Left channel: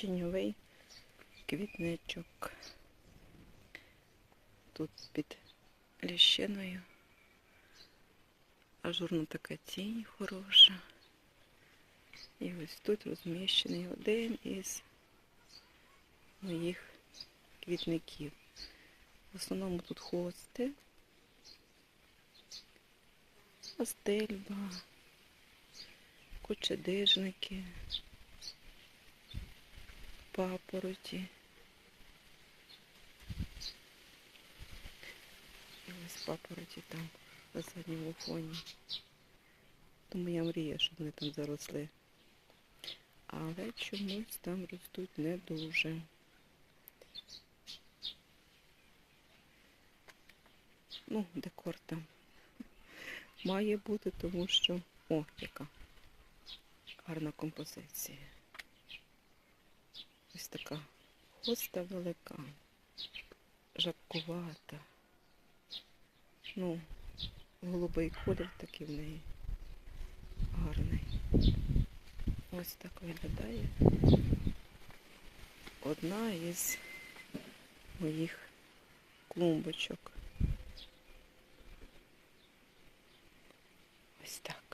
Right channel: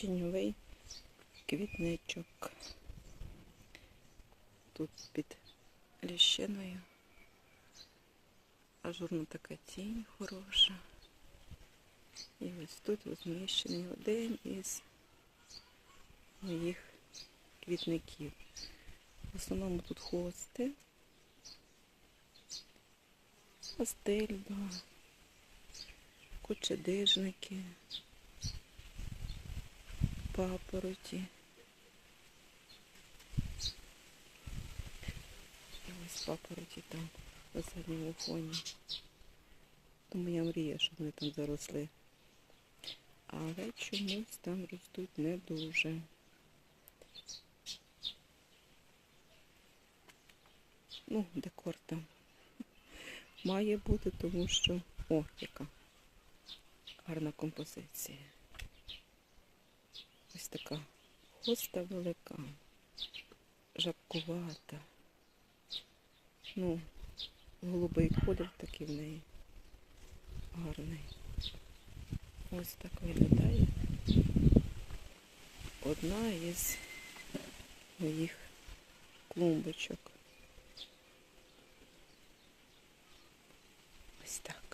тіньовий квітничок. Тут під ліщиною. Ажурна така тінь хороша. І ось тут розміщений один із моїх квітників. В основному тут хости, астельба, кочедижники, папороті. І ось папороті там на задньому фоні. Тому я мрію, щоб вони там заросли. Але чомусь там ростуть не дуже. Ну, декор там має бути, тому що... О, яка гарна композиція. Ось така хоста велика, жабкувата. Ну, голубий кольор такий в неї гарний. Ось так виглядає. Одна із моїх клумбочок. Ось так.